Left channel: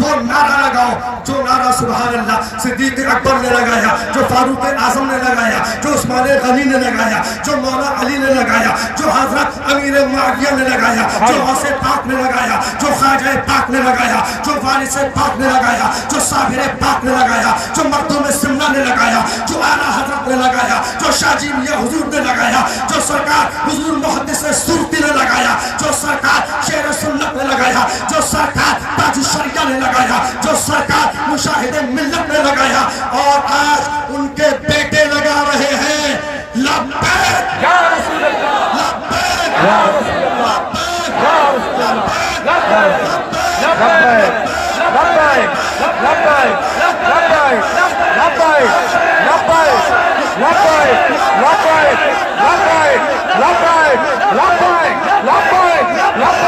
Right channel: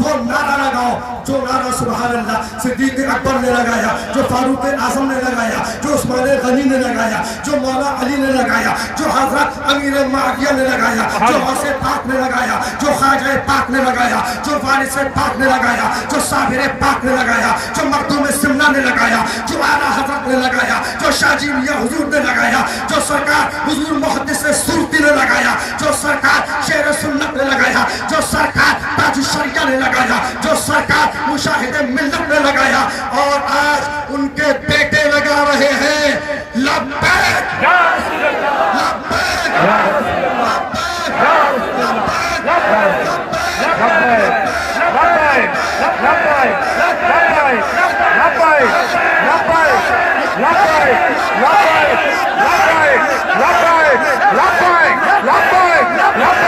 وہ نعرہ لگاؤ جو نعرہ سبحان اللہ صدیق اکبر نے لگایا, جو فاروق اعظم نے لگایا, جو عثمان غنی نے لگایا, جو مولا علی نے لگایا, جو حضرت امیر معاویہ نے لگایا, جو غوث پاک نے لگایا, جو خواجہ پاک نے لگایا, جو وارث پاک نے لگایا, جو صابر پاک نے لگایا, جو مردم سنہ نے لگایا, جو اعلیٰ حضرت نے لگایا, جو شاہ جی میاں حضور نے لگایا, جو سرکار حضور محدث سورتی نے لگایا, جو سرکار شیر سنت نے لگایا, جو سرکار تاج الشریعہ نے لگایا, جو سرکار مشاہد ملت نے لگایا, اور آج ان کے بیٹے لگا رہے ہیں لبیک یا رسول اللہ لبیک یا رسول اللہ یا رسول اللہ لبیک لبیک لبیک لبیک لبیک لبیک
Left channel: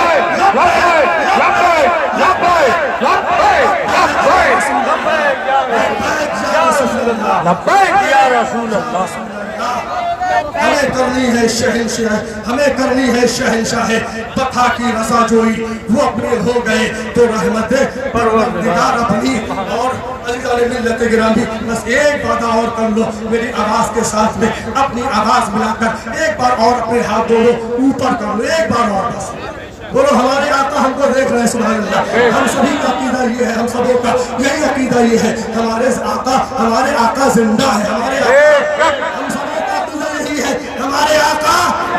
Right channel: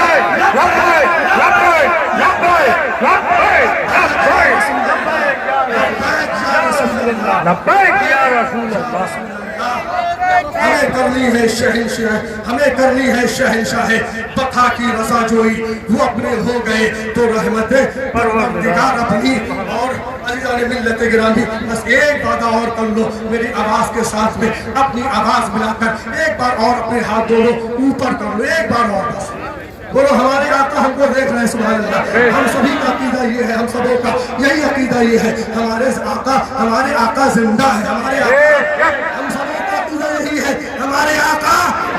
لبیک لبیک لبیک ہمیں کرنی ہے شہنشاہ, ہمیں کرنی ہے شہنشاہ بقا کی رضا جوئی, وہ اپنے ہو گئے تو رحمت پروردگار اپنی. اور عزیزان ملت گرامی, بس ایک بات اور کر لو میری آواز کے ساتھ میں, اپنی آواز ملا کر ایک بار اور اپنے ہاتھ دونوں اوپر کر لو, ایک بار اور بس بولو ہمارے آقا ہم کو دیکھ رہے ہیں سبحان اللہ. ہم سبھی کا عقیدہ یہ ہے, ہم سبوں کا یہی عقیدہ یہ ہے, ہمارے آقا زندہ ہے, ہمارے ہم سبوں کا عقیدہ یہی ہے, ہمارے آقا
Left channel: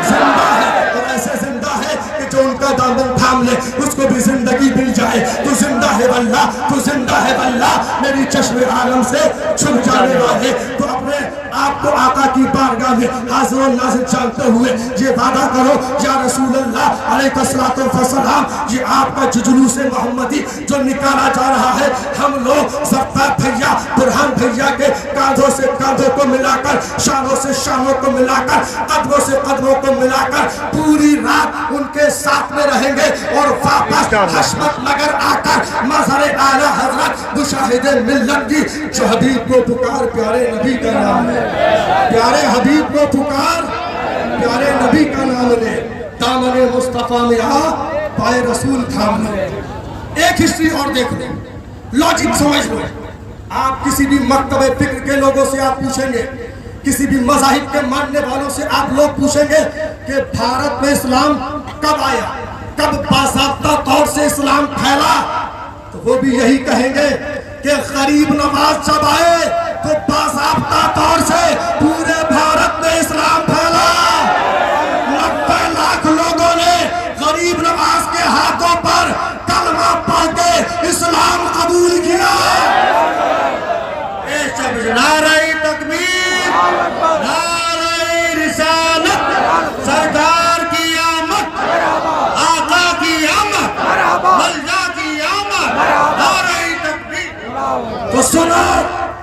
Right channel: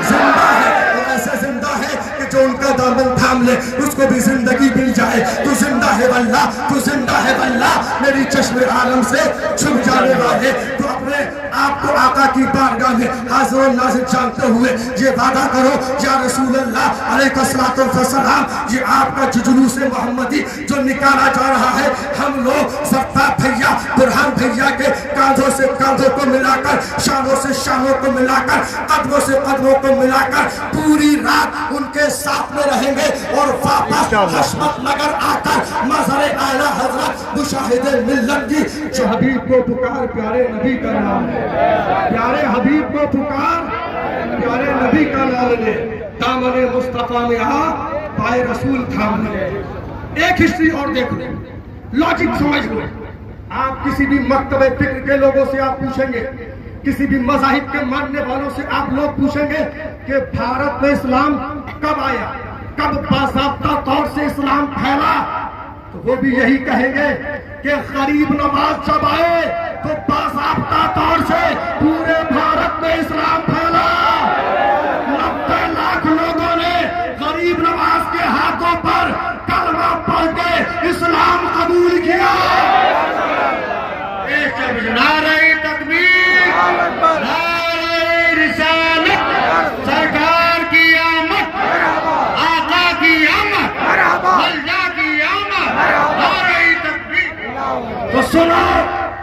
زندہ ہے, اور ایسے زندہ ہے کہ جو ان کا دامن تھام لے اس کو بھی زندگی مل جائے. تو زندہ ہے واللہ, تو زندہ ہے واللہ, میری چشم عالم سے چھپ جانے والے. تو اپنے آپ کو آقا کی بارگاہ میں حاضر و ناظر جانتے ہوئے یہ وعدہ کرو یا رسول اللہ علیہ الصلوۃ والسلام, یہ آپ کا جلوس محمدی جو نکالا جا رہا ہے, ہم لوگ زفتار بھیا برہان بھیا کے کاندھوں سے کاندھوں کو ملا کر, شانوں سے شانوں کو ملا کر, قدموں سے قدموں کو ملا کر پوری رات ان کے ساتھ میں رہیں گے, اور واپس حشمت نگر آ کر مظہر اعلیٰ حضرت مشاہد ملت کی جو حبیب کو پکار, پیارے نبی کا نام ہے, پیارے حبیب کو پکار, پیارے نبی کا نام لے, دامن مصطفیٰ میں آ پائے رسول تھام لے. ایک ہسٹری اور دیکھ لیں, لاجک سمجھ لیں. آپ کسی بھی مکتب فکر کے لوگوں سے آپ پوچھیں گے, کسی بھی مذاہب کے ماننے والوں سے آپ لوگ پوچھیں گے کہ بھارت میں اسلام کب آیا, کب باضابطہ طور سے اسلام پھیلا, تو وہ بھی یہی کہیں گے کہ غریب نواز جب آئے تو باضابطہ طور سے پورے بھارت میں اسلام پھیلا. 90 لاکھ لوگوں نے غریب نواز کے ہاتھوں پر کلمہ پڑھ کے اسلام قبول کیا. نعرہ تکبیر, نعرہ رسالت, سرکار کی آمد, آقا کی آمد, ملجا کی آمد, نعرہ تکبیر. تو سنو,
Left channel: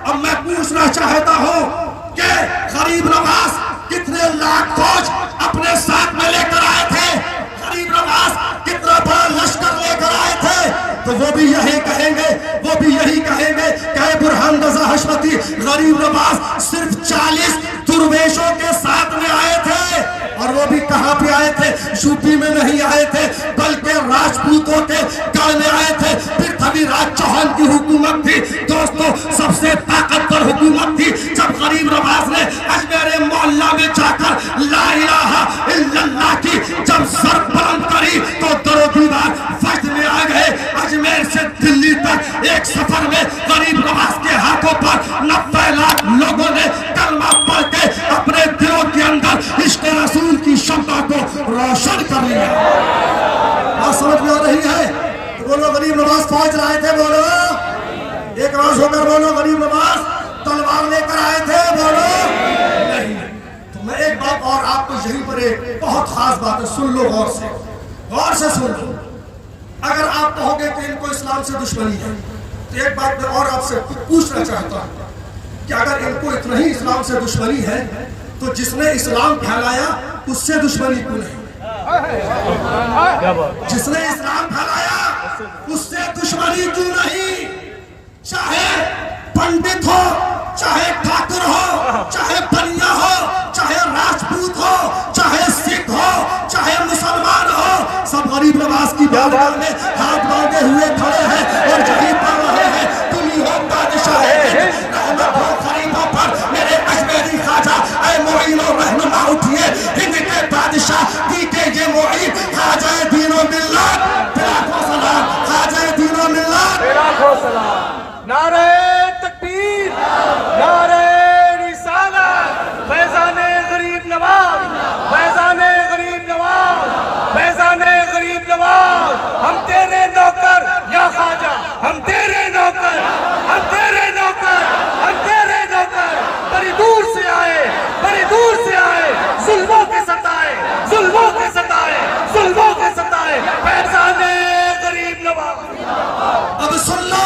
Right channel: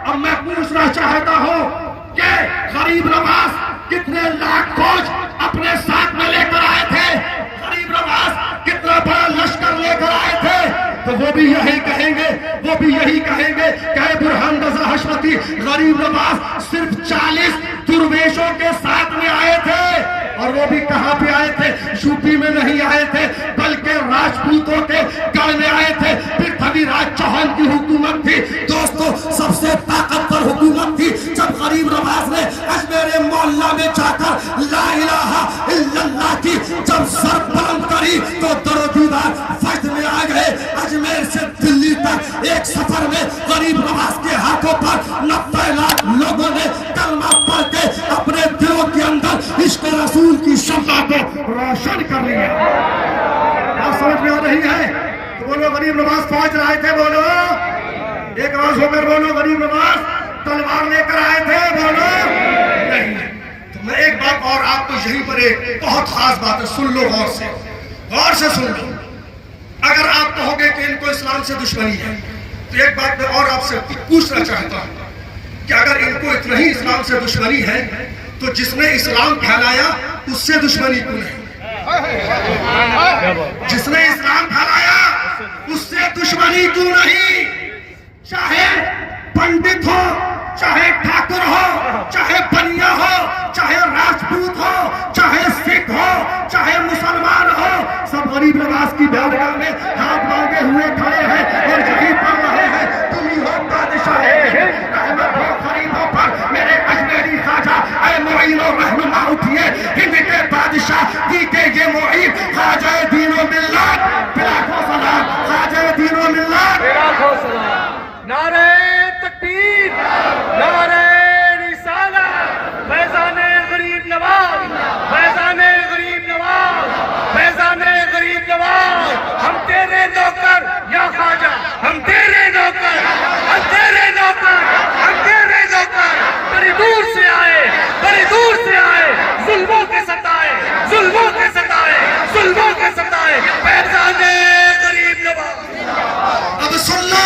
اب میں پوچھنا چاہتا ہوں کہ غریب نواز کتنے لاکھ فوج اپنے ساتھ میں لے کر آئے تھے, غریب نواز کتنا بڑا لشکر لے کر آئے تھے, تو وہ بھی یہی کہیں گے, وہ بھی یہی کہیں گے کہ برہان رضا حشمتی غریب نواز صرف 40 درویشوں کے ساتھ میں آئے تھے, اور وہ بھی کہاں پہ آئے تھے, یوپی میں نہیں آئے تھے بلکہ راجپوتوں کے گڑھ میں آئے تھے. پرتھوی راج چوہان کی حکومت تھی دوستو, سب سے طاقتور حکومت تھی. جب غریب نواز نے اجمیر معلیٰ میں جا کر لا الہ الا اللہ کی جب سر بلند کری تو در و دیوار وجد میں آ گئے. اجمیر سے دلی تک ایک سفر میں غریب نواز کے ہاتھوں پر 90 لاکھ لوگوں نے کلمہ پڑھ کے اپنے دلوں کے اندر عشق رسول کی شمع کو روشن کر لیا. بات سمجھ میں آ رہی ہے؟ تو بولو غریب نواز فوج لائے تھے, بولو ایک روز ہو کر بولو غریب نواز تلوار لے کر آئے تھے, بولو نہیں. تو میں ایک بات اور آپ کو یہیں پر ایک بہت خاص بات ہے, سن لو غور سے, غور سے سن لو. اگر آپ کہو گے کہ ان کو اسلام سے دشمنی ہے, تو ایک بات میں اور آپ سے پوچھنا چاہتا ہوں کہ اگر ان کو اتنا ہی اسلام سے دشمنی ہے تو جس نے اسلام پھیلایا اس سے دشمنی کیوں نہیں؟ جس نے اسلام پھیلایا اس سے دشمنی کیوں نہیں؟ چاہے پنڈت ہو, چاہے ٹھاکر ہو, چاہے بنیا ہو, چاہے راجپوت ہو, چاہے سکھ ہو, چاہے مسلمان ہو, سب غریب نواز کی بارگاہ میں ہاتھ مانگے ہوئے کھڑے ہیں, اور یہی नारे तकबीर, नारे रिसालत, फैज़ाने गरीब नवाज, फैज़ाने गरीब नवाज, फैज़ाने गरीब नवाज। हम तेरे नौकर या ख्वाजा, हम तेरे नौकर, हम तेरे नौकर, हम तेरे नौकर। बड़ी दूर से आए, बड़ी दूर से आए, जुल्मों के सताए, जुल्मों के सताए, जुल्मों के सताए, फैज़ाने गरीब नवाज। अब सुन लो,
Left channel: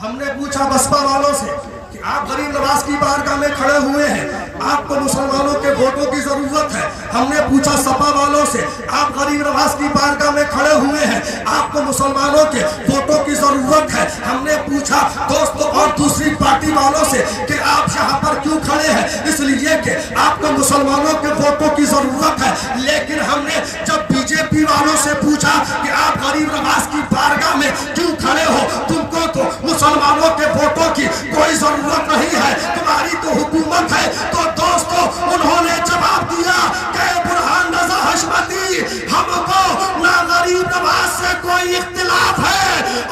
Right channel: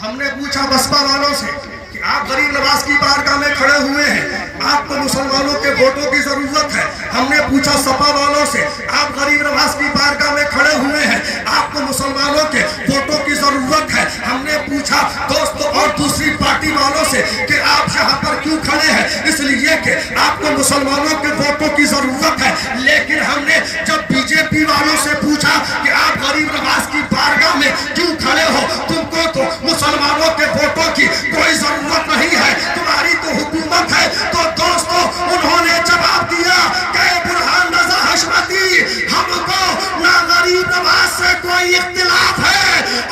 हमने पूछा बसपा वालों से कि आप गरीब नवाज की बारगाह में खड़े हुए हैं, आपको मुसलमानों के वोटों की जरूरत है। हमने पूछा सपा वालों से, आप गरीब नवाज की बारगाह में खड़े हुए हैं, आपको मुसलमानों के वोटों की जरूरत है। हमने पूछा दोस्तों और दूसरी पार्टी वालों से कि आप यहाँ पर क्यों खड़े हैं, इसलिए कि आपको मुसलमानों के वोटों की जरूरत है। लेकिन हमने जब बीजेपी वालों से पूछा कि आप गरीब नवाज की बारगाह में क्यों खड़े हो, तुमको तो मुसलमानों के वोटों की कोई जरूरत नहीं है, तुम्हारी तो हुकूमत है। तो दोस्तों उन्होंने जवाब दिया कि बुरहान रज़ा हशमती, हमको ना गरीब नवाज से कोई इख्तिलाफ है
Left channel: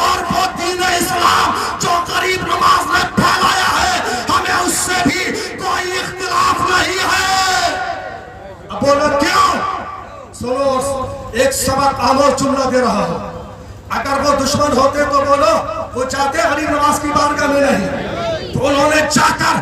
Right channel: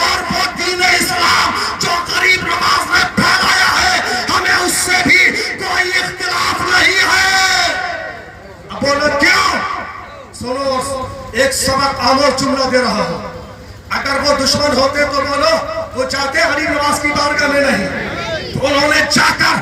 और वो दीन इस्लाम जो गरीब नवाज ने फैलाया है हमें उससे भी कोई इख्तिलाफ नहीं है। अब बोलो क्यों? सुनो, एक सबक आमोज जुमला दे रहा हूं। अगर वो दुश्मन होते तो बोलो वो चाहते गरीब नवाज की बारगाह में नहीं, तो उन्होंने चादर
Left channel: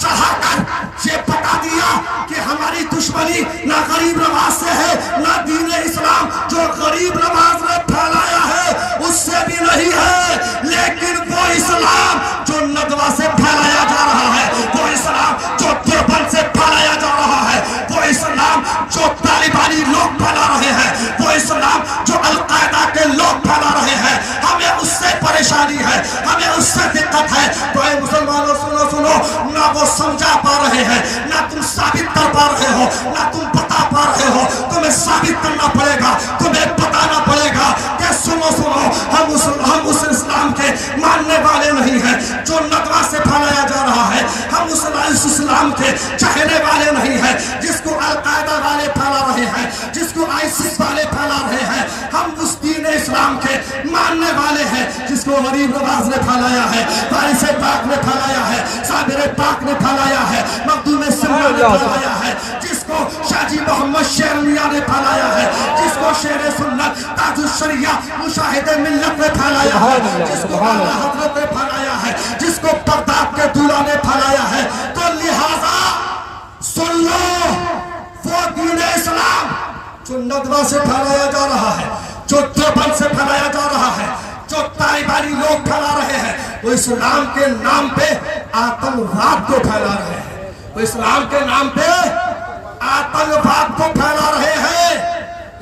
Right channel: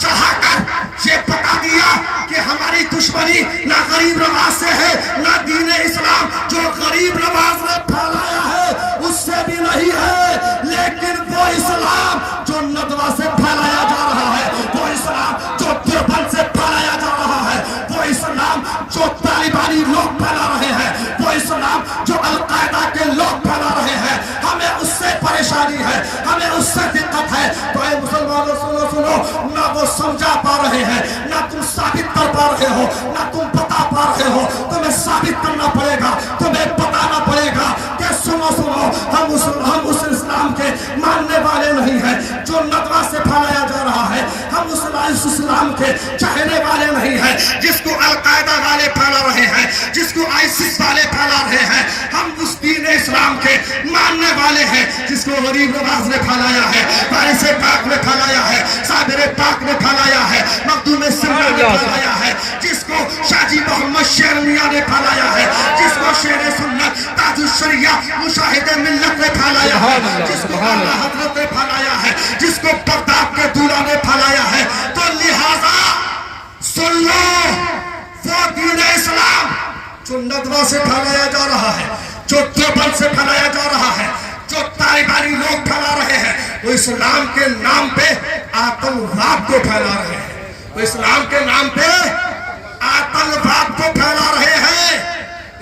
चढ़ाकर ये बता दिया कि हमारी दुश्मनी ना गरीब नवाज से है ना दीन इस्लाम जो गरीब नवाज ने फैलाया है उससे भी नहीं है। लेकिन वो इस्लाम जो नदवा से फैलाया जा रहा है, वो इस्लाम जो देवबंद से फैलाया जा रहा है, वो इस्लाम जो तालिबानी लोग फैला रहे हैं, वो इस्लाम जो अलकायदा के लोग फैला रहे हैं, हमें उससे परेशानी है, हमें उससे दिक्कत है। तो ऐ मुसलमानों सुनो सुनो, ना वो समझा पा रहे हैं, ना तुम साबित कर पा रहे हो, ना तुम बता पा रहे हो। तुम्हें साबित करना पड़ेगा, तुम्हें बताना पड़ेगा कि सुनो सुनो, हम उस इस्लाम के मानने वाले नहीं हैं जो नदवा से फैलाया जा रहा है। हम उस इस्लाम के चाहने वाले नहीं हैं जिसको अलकायदा वाले फैला रहे हैं, जिसको आईसिस वाले फैला रहे हैं। हम उस दीन इस्लाम के मानने वाले हैं जिसको गरीब नवाज ने फैलाया है, पैसे पाक ने फैलाया है, साबिर पाक ने फैलाया है, मखदूम सिंह ने फैलाया है, जिसको शाजी मोहम्मद शेर मियां ने फैलाया है, जिसको शेर सुन्नत ताजुल शरिया मुशाहिदे मिल्लत ने फैलाया है, जिसको आला हज़रत ने फैलाया है, जिसको बगदाद के दूल्हा ने फैलाया है। तो लिहाजा सुन लो, वो दीन इस्लाम जो नदवा से फैलाया जा रहा है, जो देवबंद से फैलाया जा रहा है, जो तालिबानी लोग फैला रहे हैं, वो इस्लाम के नाम पे आतंकवाद को फैला रहे हैं, वो इस्लाम के नाम पे आतंकवाद को फैला रहे हैं।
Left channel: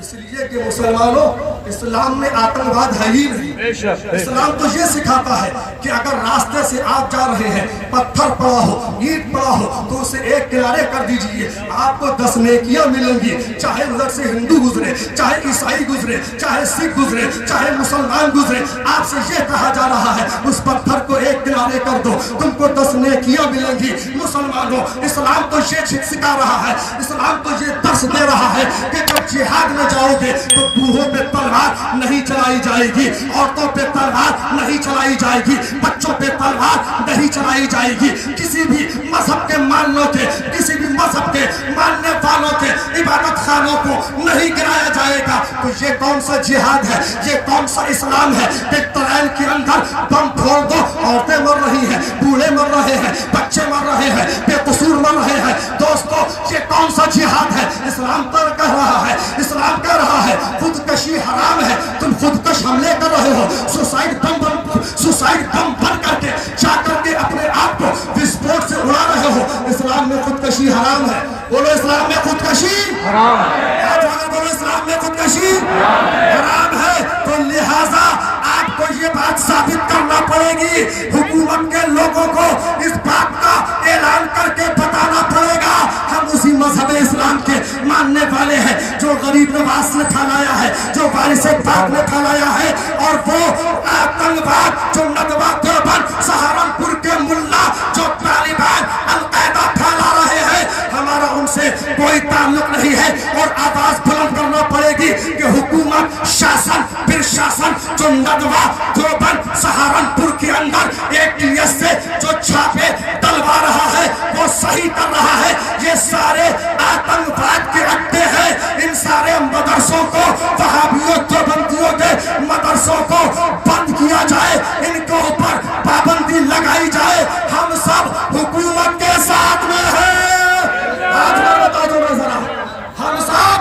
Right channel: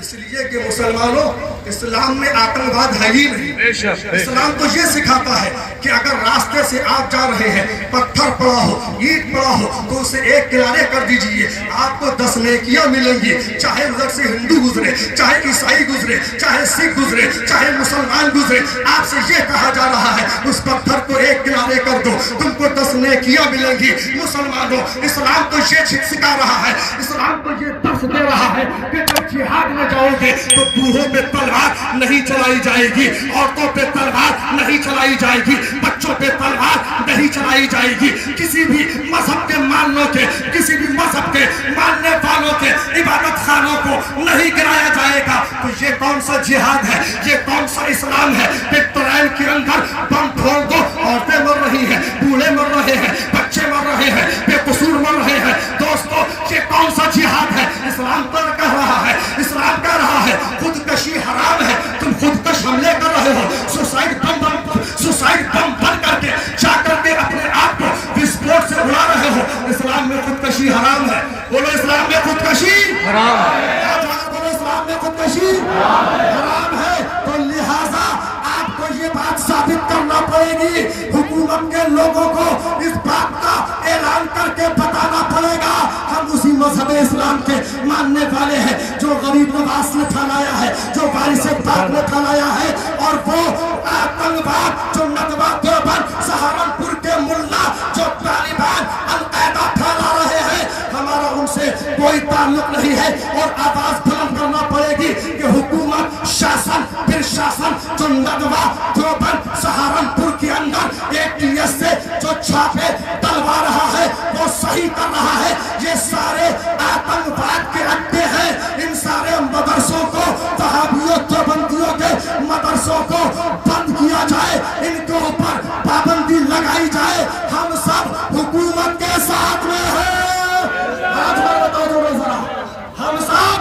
इसलिए कि मुसलमानों, इस्लाम में आतंकवाद है ही नहीं। इस्लाम तो ये सिखाता है कि अगर रास्ते से आप जा रहे हैं, पत्थर पड़ा हो, ईंट पड़ा हो, तो उसे एक किनारे कर दीजिए, आपको 10 नेकियां मिलेंगी। चाहे उधर से हिंदू गुजरे, चाहे ईसाई गुजरे, चाहे सिख गुजरे, चाहे मुसलमान गुजरे, आपसे ये कहा जा रहा है उस पत्थर को एक किनारे कर दो, तुमको 10 नेकियां मिलेंगी। मुसलमानों, इस्लाम तो ये सिखा रहा है, इस्लाम तो ये दर्श दे रहा है कि जब जिहाद में जाओगे तो बूढ़ों पे तलवार नहीं चलाई जाएगी, औरतों पे तलवार नहीं चलाई जाएगी, बच्चों पे तलवार नहीं चलाई जाएगी, किसी भी मजहब के मानने के, किसी भी मजहब के मानने वालों के इबादत खानों को नहीं गिराया जाएगा। तो ये कौन सा जिहाद है, ये कौन सा इस्लाम है? पेट्रोल के अंदर बम फोड़ दो, औरतें मर रही हैं, बूढ़े मर रहे हैं, बच्चे मर रहे हैं, बेकसूर मर रहे हैं। दोस्तों ये कौन सा जिहाद है? इस्लाम तो कह रहा है, इस्लाम कह रहा है खुदकशी हराम है, तुम खुदकश हमले कर रहे हो, सुसाइड बम बन करके जा करके अपने आप को विस्फोट से उड़ा रहे हो। इस्लाम में खुदकशी हराम है। बोलो इस्लाम में खुदकशी हराम है। बोलो इस्लाम में खुदकशी हराम है। तो लिहाजा आपको ये बात साबित करना पड़ेगी, हुकूमत के लोगों को इस बात का ऐलान करके बताना पड़ेगा हम उसी मजहब इस्लाम के मानने वाले हैं जो गरीब नवाज ने फैलाया है, जो वारिस पाक ने फैलाया है। और वो आतंकवाद जो नदवा देवबंद सहारनपुर के मुल्ला जो तालिबान अलकायदा फैला रहे हैं, हमारा उनसे कोई ताल्लुक नहीं है। और आवाज बुलंद करना पड़ेगी कि हुकूमत, शासन, फिर शासन जो नदवा देवबंद सहारनपुर सहारनपुर के अंदर एटीएस से जो छापे डलवा रहा है वो सही कर रहा है। ये सारे आतंकवाद के अड्डे हैं। इन सारे मदरसों को, वहाबियों देवबंदियों के मदरसों को बंद किया जाए, इनके ऊपर पाबंदी लगाई जाए। हम सब हुकूमत के साथ में हैं। हाथ बता दो जरा, हम सब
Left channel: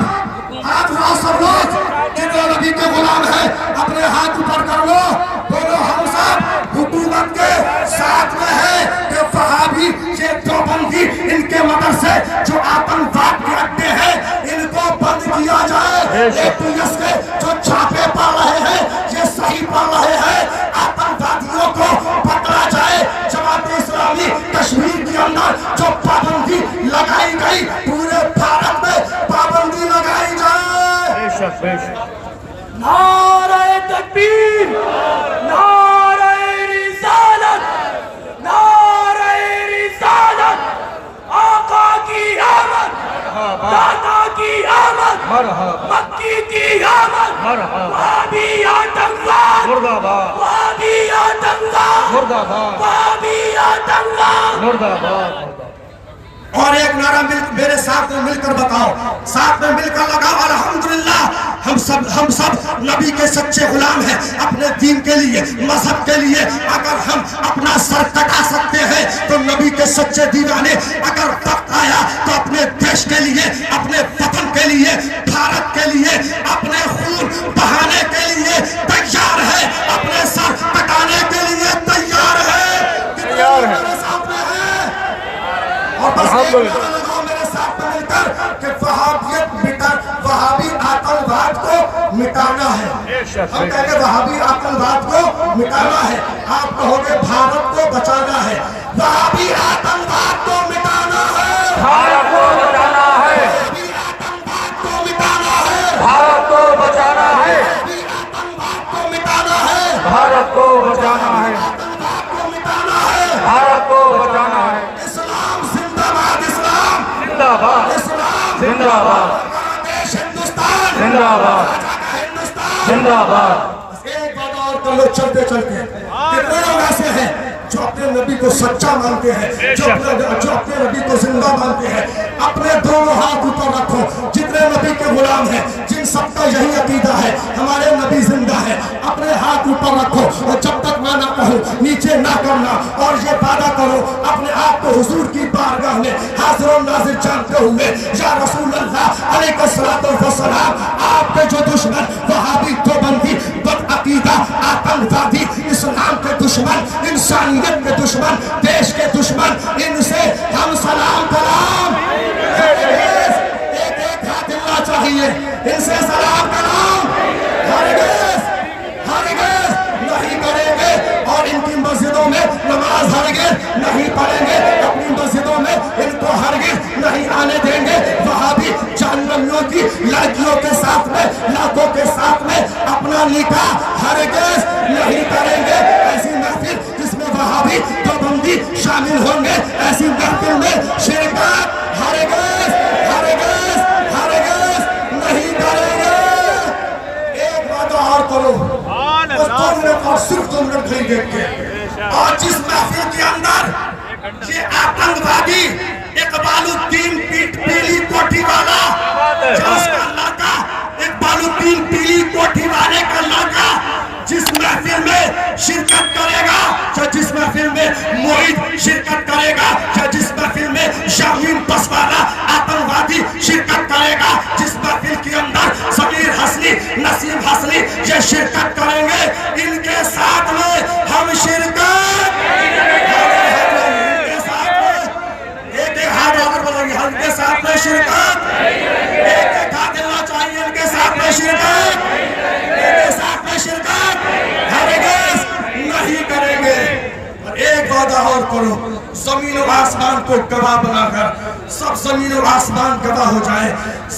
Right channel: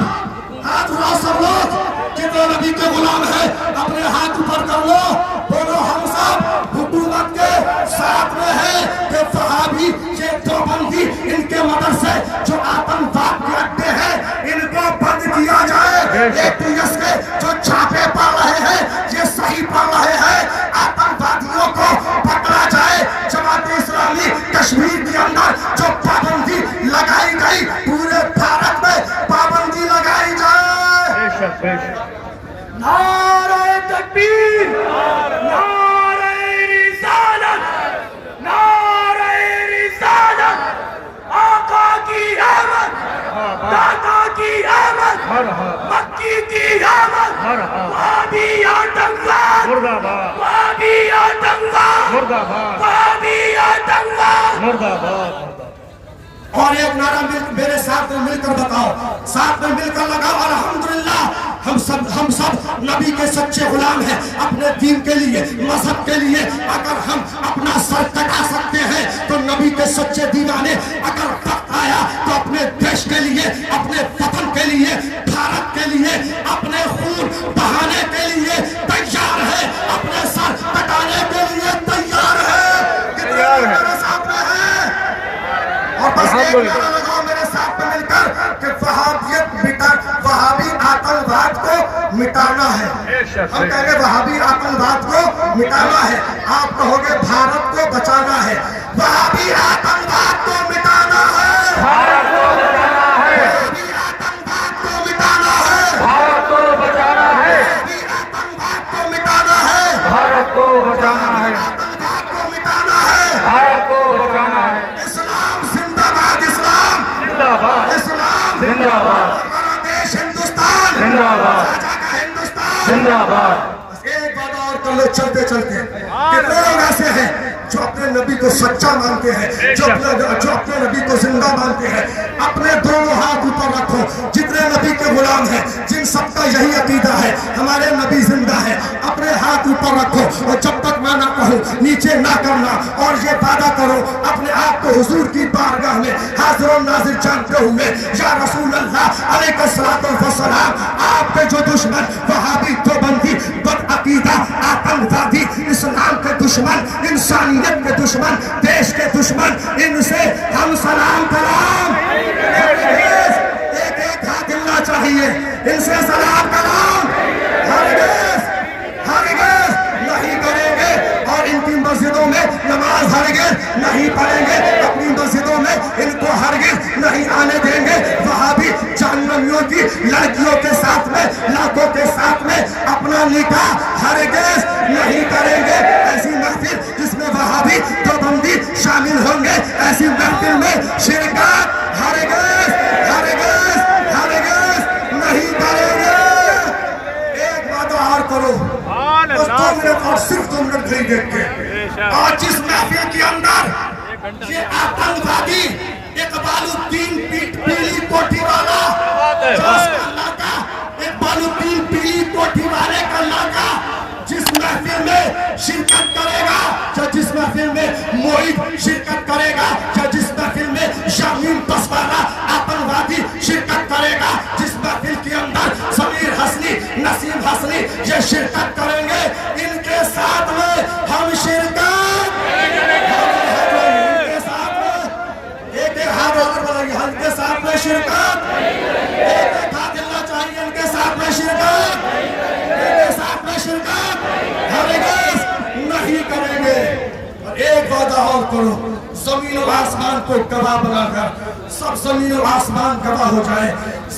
हाथ उठा सब लोग, जितने नबी के गुलाम हैं अपने हाथ ऊपर कर लो। बोलो हम सब हुकूमत के साथ में हैं। कि वहाबी ये देवबंदी इनके मदरसे जो आतंकवाद के अड्डे हैं इनको बंद किया जाए। एटीएस के जो छापे पड़ रहे हैं ये सही पड़ रहे हैं। आतंकवादियों को पकड़ा जाए। जमात इस्लामी कश्मीर के अंदर जो पाबंदी लगाई गई पूरे भारत में पाबंदी लगाई जाए। नारे तकबीर, नारे रिसालत, नारे रिसालत, आका की आमद, दाता की आमद, मक्की की आमद, वहाबी आतंकवाद मुर्दाबाद, वहाबी आतंकवाद मुर्दाबाद, वहाबी आतंकवाद मुर्दाबाद। और एक नारा मेरे साथ में मिलकर बताओ, साथ में मिलकर लगाओ अल्हम्दुलिल्लाह। हम सब नबी के सच्चे गुलाम हैं। अपने दीन के लिए, मजहब के लिए अगर हम अपना सर कटा सकते हैं तो नबी के सच्चे दीवाने अगर वक्त आया तो अपने देश के लिए, अपने वतन के लिए, भारत के लिए, अपने खून बहाने के लिए तैयार है, अपने सर कटाने के लिए तैयार है। तैयार है। मेरे साथ में है। और बस एक नारा लगाओ मेरे साथ में मिलकर कि वहाबियत मिटा, वहाबी आतंकवाद को मिटाना है। हम कहेंगे वहाबी आतंकवाद को मिटाना है। आप कहोगे भारत को बचाना है। वहाबी आतंकवाद को मिटाना है। भारत को बचाना है। वहाबी आतंकवाद को मिटाना है। भारत को बचाना है। वहाबी आतंकवाद को मिटाना है। भारत को बचाना है। आतंकवाद को मिटाना है। भारत को बचाना है। इस्लाम जिंदाबाद, इस्लाम जिंदाबाद, इस्लाम जिंदाबाद, हमारा देश हिंदुस्तान जिंदाबाद, हिंदुस्तान। जिंदाबाद। एक बात और कर लो चलते चलते, कितने लोग ऐसे हैं जो अपने नबी को सच्चा मानते हैं, जो अपने नबी को जिंदा मानते हैं। अपने दोनों हाथ ऊपर रखो। जितने नबी के गुलाम हैं, जिन सबका यही अकीदा है हमारे नबी जिंदा है, अपने हाथ ऊपर रखो और जब तक मैं ना कहूँ नीचे ना करना। और ये वादा करो अपने आप को हुजूर की बारगाह में हाजिर और नाजिर जानते हुए, या रसूल अल्लाह अलैहिस्सलातु वस्सलाम, आपके जो दुश्मन वहाबी देवबंदी बदअकीदा आतंकवादी इस्लाम के दुश्मन, इंसानियत के दुश्मन, देश के दुश्मन, इनसे हम सलाम कलाम। एक एक हाथ हिलना चाहिए। इनसे सलाम कलाम हरगिज़ नहीं करेंगे। और इनकी मस्जिदों में नमाज हरगिज़ नहीं पढ़ेंगे। अपनी मस्जिदों में इनको हरगिज़ नहीं आने देंगे। वहाबी जानवरों की लड़कियों के साथ में, लड़कों के साथ में अपना निकाह हरगिज़ नहीं करेंगे। ऐसी महफिल जिसमें वहाबी देवबंदी शामिल होंगे, ऐसी महफिल में शिरकत हरगिज़ नहीं करेंगे। एक बात और करो, बस 2 मिनट और सिर्फ 2 मिनट खड़ी देख के। और जिस महफिल के अंदर ये आतंकवादी इकबालुद्दीन पीली कोठी वाला, जिसका लड़का इकबालुद्दीन पीली कोठी वाले का लड़का जिस महफिल में शिरकत करेगा, या जिस महफिल में मोहित शिरकत करेगा, या जिस महफिल में शामीम बसवाला आतंकवादी शिरकत करेगा, जिस महफिल के अंदर समीर हसनी, नसीम हसनी ये शिरकत करेंगे, इनके साथ में हम शिरकत एक एक हाथ होकर बोलेंगे, हम इनके साथ में शिरकत। एक एक हाथ देना चाहिए, इनके साथ में शिरकत, इनके साथ में शिरकत हरगिज़ नहीं करेंगे। और एक वादा और करो, जमीन और आसमान को गवाह बनाकर, सब जमीन और आसमान गवाह हो जाए,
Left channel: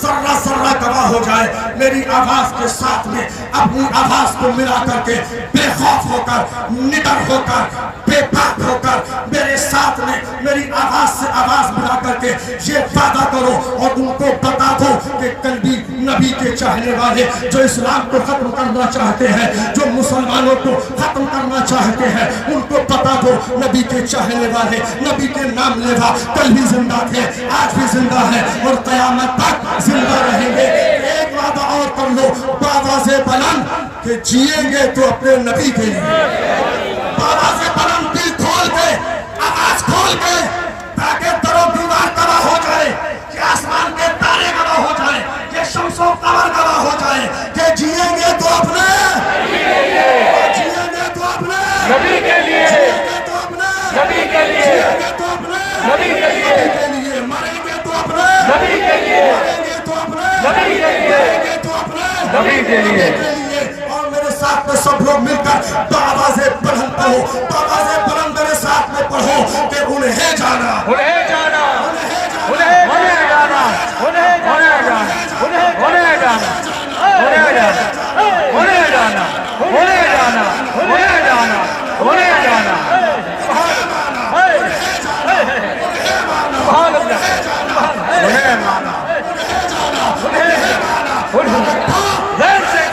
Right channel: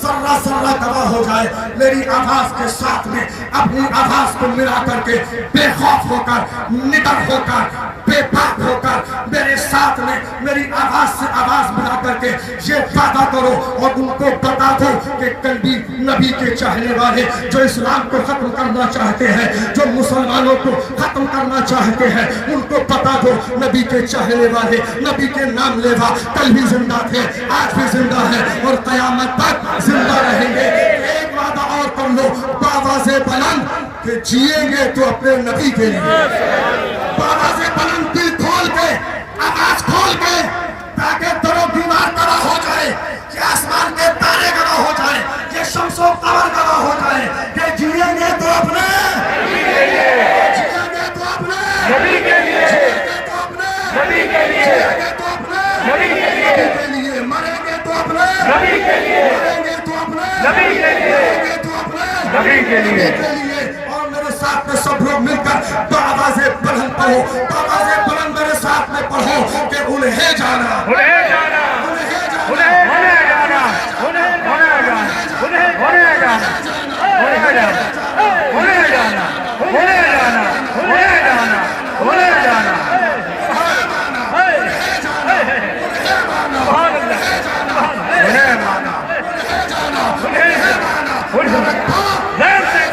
सर्रा सर्रा गवाह हो जाए। मेरी आवाज के साथ में अपनी आवाज को मिला करके बेखौफ होकर, निडर होकर, बेबाक होकर मेरे साथ में मेरी आवाज से आवाज मिला کر کے یہ وعدہ کرو اور ان کو بتا دو کہ کل بھی نبی کے چاہنے والے جو اسلام کو ختم کرنا چاہتے ہیں، جو مسلمانوں کو ختم کرنا چاہتے ہیں، ان کو بتا دو نبی کے چاہنے والے، نبی کے نام لیوا کل بھی زندہ تھے، آج بھی زندہ ہے اور قیامت تک زندہ رہیں گے۔ ایک وعدہ اور کر لو بآواز بلند کہ جیئیں گے تو اپنے نبی کے لیے، بآواز بلند دل کھول کے، آواز کھول کے، تاکہ در و دیوار تباہ ہو جائے، کہ آسمان کے تارے گواہ ہو جائے، کہ شمس و قمر گواہ ہو جائے کہ جیئیں گے تو اپنے نبی کے لیے، نبی کے لیے، نبی کے لیے، مریں گے تو اپنے نبی کے لیے، نبی کے لیے، نبی کے لیے۔ اور میرے ساتھ میں سب لوگ مل کر بآواز بلند پڑھو، بآواز بلند میرے ساتھ میں پڑھو کہ انہیں جانا، انہیں جانا، انہیں جانا، انہیں جانا، انہیں جانا، انہیں جانا، انہیں جانا، انہیں جانا، انہیں جانا، انہیں جانا۔ سبحان اللہ، انہیں مانا، انہیں غیر سے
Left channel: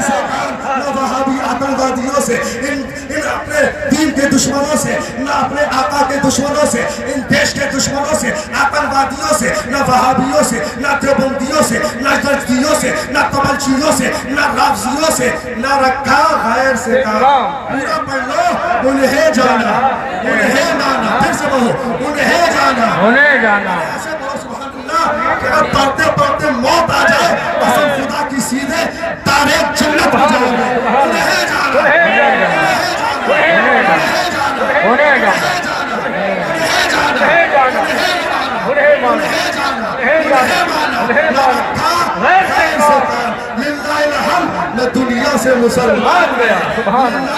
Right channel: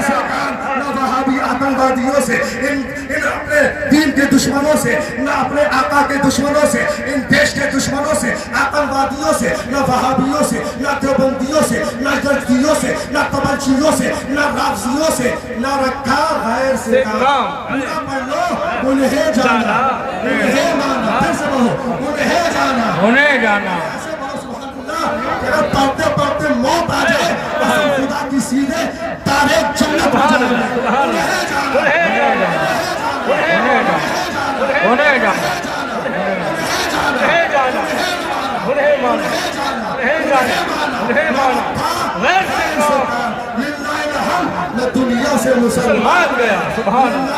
نہ وہابی آتنکوادیوں سے، ان اپنے دین کے دشمنوں سے، نہ اپنے آقا کے دشمنوں سے، ان دیش کے دشمنوں سے، آتنکوادیوں سے، نہ وہابیوں سے، نہ دیوبندیوں سے، نہ جدیوں سے، نہ تبلچیوں سے، نہ رافضیوں سے، نہ رکھا غیر سے کام۔ پورا پڑھ لو، انہیں جانا، انہیں مانا، پھر سے بولو، انہیں جانا، انہیں جانا۔ ایسے بولو سبحان اللہ کہ اگر پڑھتے پڑھتے موت آ جائے، قسم خدا کی سیدھے تارے جنت ہو جائیں گے۔ انہیں جانا، انہیں جانا، انہیں جانا، انہیں جانا، انہیں جانا، انہیں مانا، انہیں جانا، انہیں مانا، غیر سے کام۔ للہ الحمد، میں دنیا سے مسلمان گیا، سبحان اللہ،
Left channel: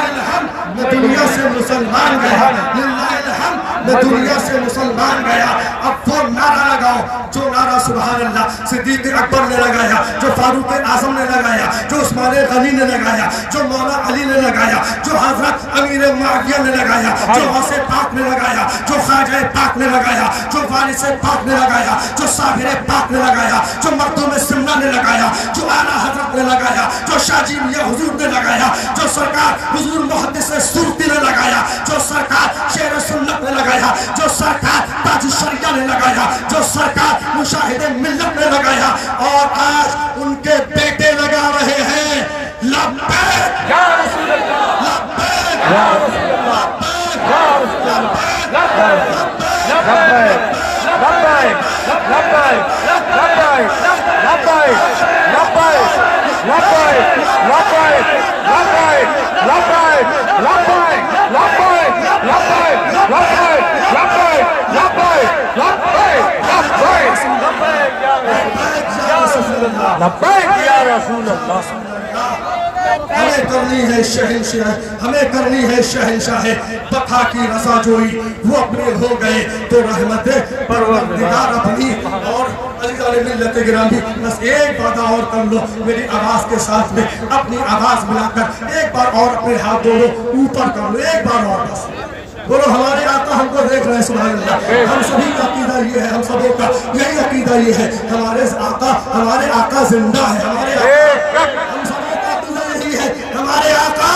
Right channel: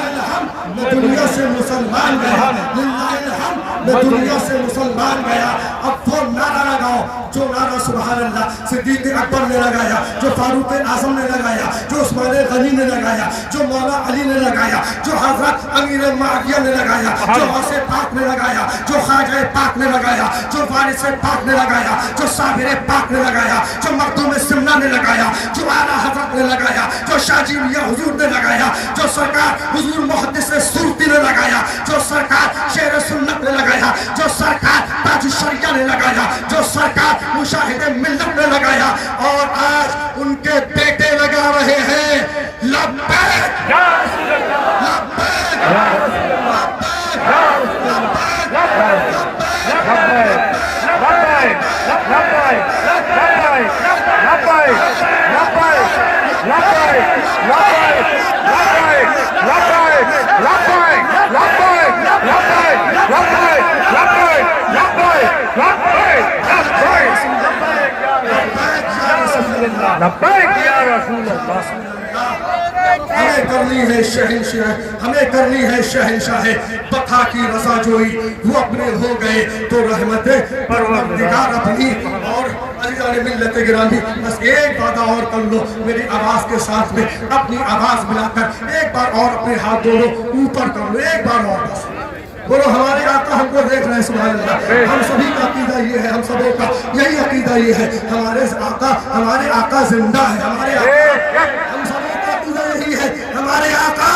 میں دنیا سے مسلمان گیا، للہ الحمد، میں دنیا سے مسلمان گیا۔ اب وہ نعرہ لگاؤ جو نعرہ سبحان اللہ صدیق اکبر نے لگایا، جو فاروق اعظم نے لگایا، جو عثمان غنی نے لگایا، جو مولا علی نے لگایا، جو حضرت امیر معاویہ نے لگایا، جو غوث پاک نے لگایا، جو خواجہ پاک نے لگایا، جو وارث پاک نے لگایا، جو صابر پاک نے لگایا، جو مردم سنہ نے لگایا، جو اعلیٰ حضرت نے لگایا، جو شاہ جی میاں حضور نے لگایا، جو سرکار حضور محدث سورتی نے لگایا، جو سرکار شیر سنت نے لگایا، جو سرکار تاج الشریعہ نے لگایا، جو سرکار مشاہد ملت نے لگایا، اور آج ان کے بیٹے لگا رہے ہیں لبیک یا رسول اللہ، لبیک یا رسول اللہ، یا رسول اللہ، لبیک، لبیک، لبیک، لبیک، لبیک، لبیک، لبیک، لبیک، لبیک، ہمیں کرنی ہے شہنشاہ، ہمیں کرنی ہے شہنشاہ بقا کی رضا جوئی، وہ اپنے ہو گئے تو رحمت پروردگار اپنی۔ اور عزیزان ملت گرامی، بس ایک بات اور کر لو میری آواز کے ساتھ میں، اپنی آواز ملا کر ایک بار اور اپنے ہاتھ دونوں اوپر کر لو، ایک بار اور بس بولو ہمارے آقا ہم کو دیکھ رہے ہیں سبحان اللہ۔ ہم سبھی کا عقیدہ یہ ہے، ہم سبوں کا یہی عقیدہ یہ ہے، ہمارے آقا زندہ ہے، ہمارے آقا، ہم سبوں کا عقیدہ یہی ہے، ہمارے آقا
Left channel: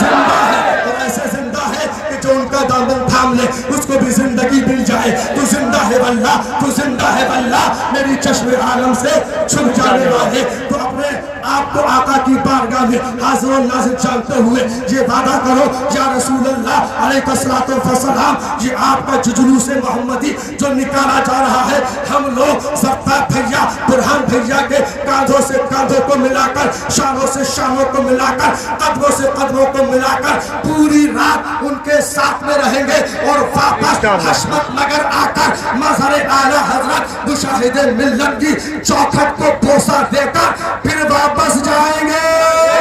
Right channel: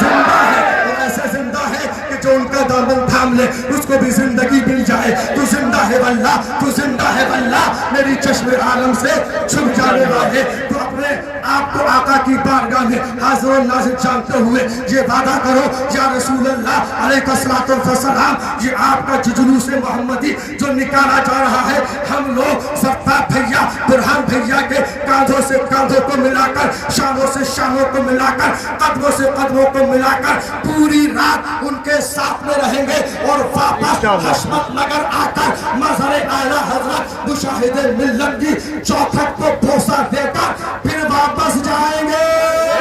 زندہ ہے، اور ایسے زندہ ہے کہ جو ان کا دامن تھام لے اس کو بھی زندگی مل جائے۔ تو زندہ ہے واللہ، تو زندہ ہے واللہ، میری چشم عالم سے چھپ جانے والے۔ تو اپنے آپ کو آقا کی بارگاہ میں حاضر و ناظر جانتے ہوئے یہ وعدہ کرو یا رسول اللہ علیہ الصلوۃ والسلام، یہ آپ کا جلوس محمدی جو نکالا جا رہا ہے، ہم لوگ زفتہ بھیا، برہان بھیا کے کاندھوں سے کاندھوں کو ملا کر، شانوں سے شانوں کو ملا کر، قدموں سے قدموں کو ملا کر پوری رات ان کے ساتھ میں رہیں گے، اور واپس حشمت نگر آ کر مظہر اعلیٰ حضرت مشاہد ملت کی چوکھٹ کو بوسہ دے کر پھر واپس جائیں گے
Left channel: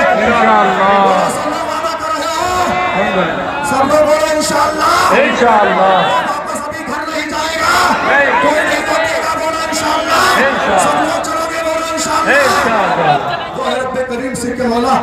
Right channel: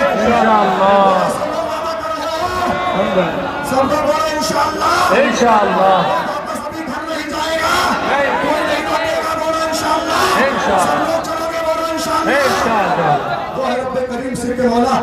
انشاءاللہ، سب لوگ بولے انشاءاللہ، انشاءاللہ، واپس ابھی گھر نہیں جائے گا، نہیں، کوئی نہیں جائے گا، بولے انشاءاللہ، انشاءاللہ، سب لوگ چلو گے، بولے انشاءاللہ۔ रब करीम से के मौला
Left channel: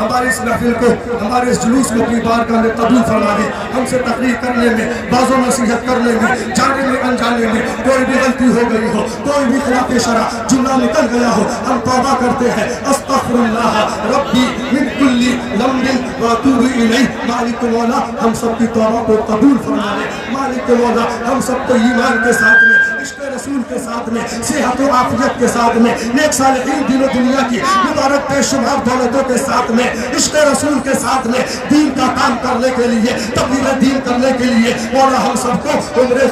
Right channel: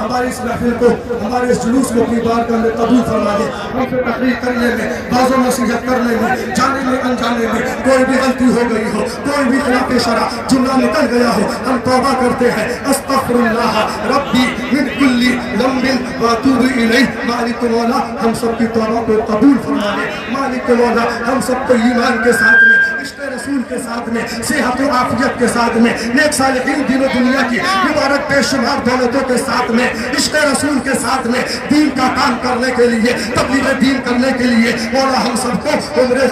हमारे इस महफिल को, हमारे इस जुलूस को अपनी बारगाह में कबूल फरमा दे। हमसे तकरीर करने में, बाज़ो नसीहत करने में, जाने में अनजाने में कोई भी गलती हो गई हो, कोई भी खिलाफ शरा जुमला निकल गया हो, हम तौबा करते हैं। अस्तगफिरुल्लाह रब्बी मिन कुल्ली ज़ंबिन व अतूबु इलैह। मालिक मौला हम सबकी तौबा को कबूल फरमा दे। मालिक मौला हम सबको ईमान के साथ में, इश्क़ रसूल के साथ में, सेहत और आफियत के साथ में, नेक सालिहीन दीन और दुनिया की मुबारक बेशुमार दौलतों के साथ में, इश्क़ रसूल के साथ में दीन का काम करने के लिए, तबलीग दीन करने के लिए मौला हम सबको उम्र